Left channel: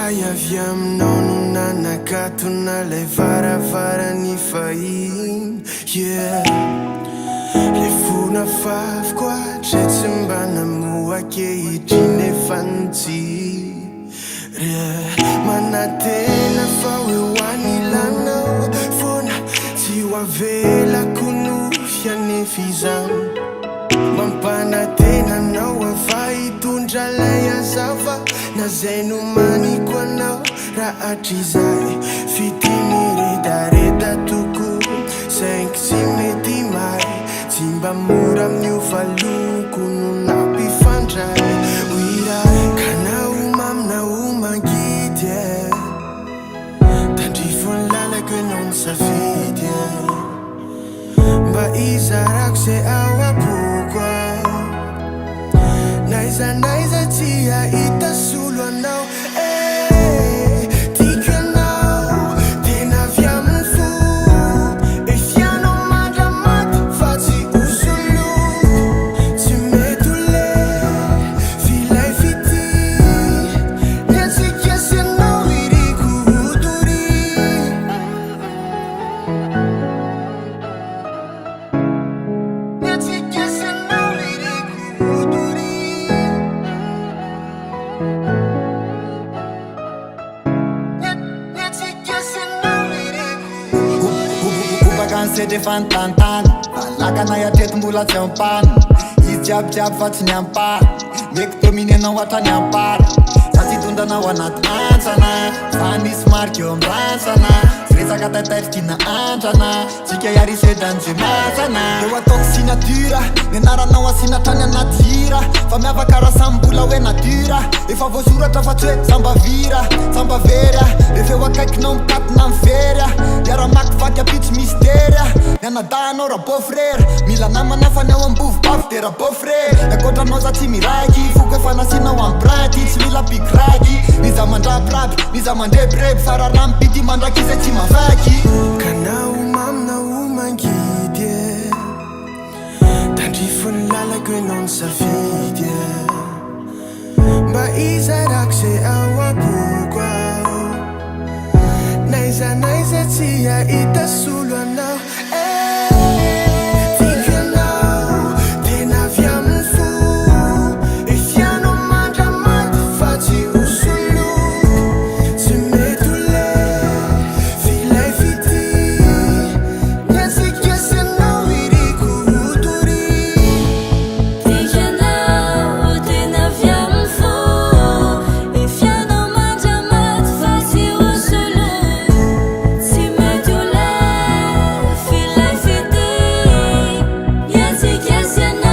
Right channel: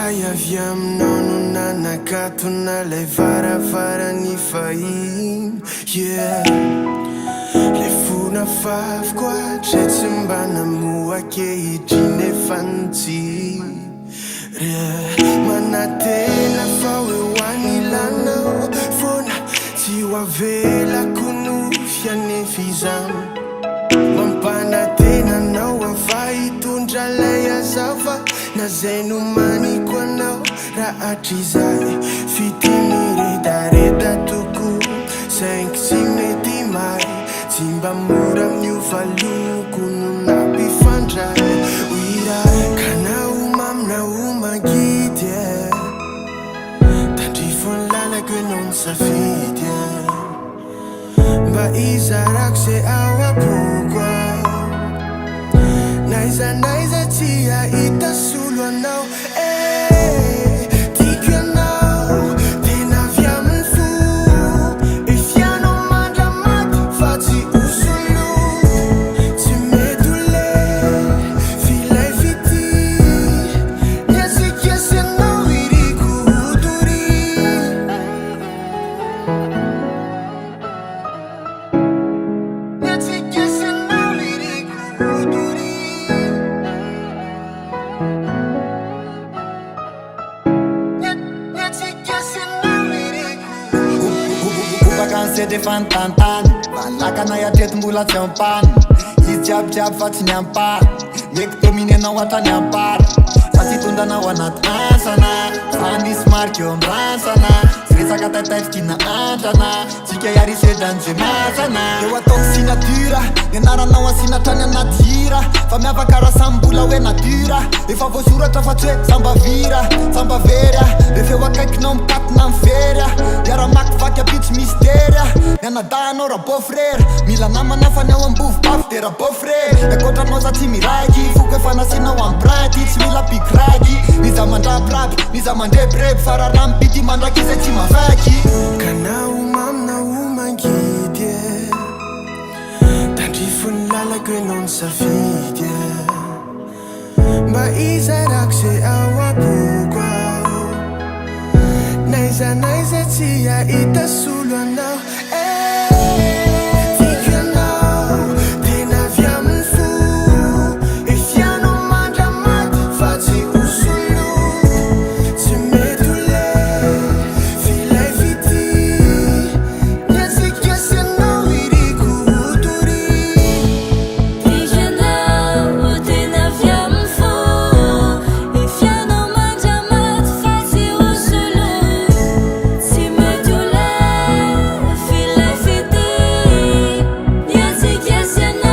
Ray avy aminao no nanakatona lay varavarany fahiny, yeah. Le fona fafiko atray tsy mba namoakehitriny efa nitsiry, manatena fa hoe hoany ilanao fona tsy ho avelako no fianefa izany. Mampanatenanao ava hitondra lay azava na zay no maniko anao raha hatrizay fity miredareda toko saingy tsy mety may tsy mba mora miova loko no nampifandray oiray ka naoma aminao mangidy tandrifony lalako enao ny safidy mba izarako zay ao apoko naiza tsy ahita solo anao tiako anao tena avy amin'ny fo efianao mandramaty fa tsy osolo tsy mety ho le filay fity niatsika sy anao iriko hodory niatsika sy anao iriko hodory Vacances defa nitantany valakana iatreto mbola tsy ampany izy jiabijiaby fa tsy niampary meky domine anao hatrany ampary sa tsy tondranao anaty antsana fa nisy mariky eo am'rantsana sy resaka taitairikina andrana tsika iarisedany ze masana eo ataoko sinatura ny anaranao asinatrany anaty hira fa miavaka raha samy mbola hoe natura efa voasoratra fa tsy hoe sambavira sambaverya refa eo akaikinao mikatina miverya iara-maky vaky apitsy misteria nianadahanao raha beau-frère mila namana fa ny ao ambovo bafy de raha beau-frère miakoatranao za tsy miraiky foko efa nasinao ambranty tsy mila pikraky niza mandrapirapy niza mandrebreby fa raha rampity mandraky izay tsy mavaky ka naoma aminao mangidy tandrifony lalako enao ny safidy mba izarako zay ao apoko naiza tsy ahita solo anao tiako anao tena avy amin'ny fo efianao mandramaty fa tsy osolo tsy mety ho le filay fity niatsika sy anao iriko hodory tiako anao tena avy amin'ny fo efianao mandramaty fa tsy osolo tsy mety ho le filay fity niatsika sy anao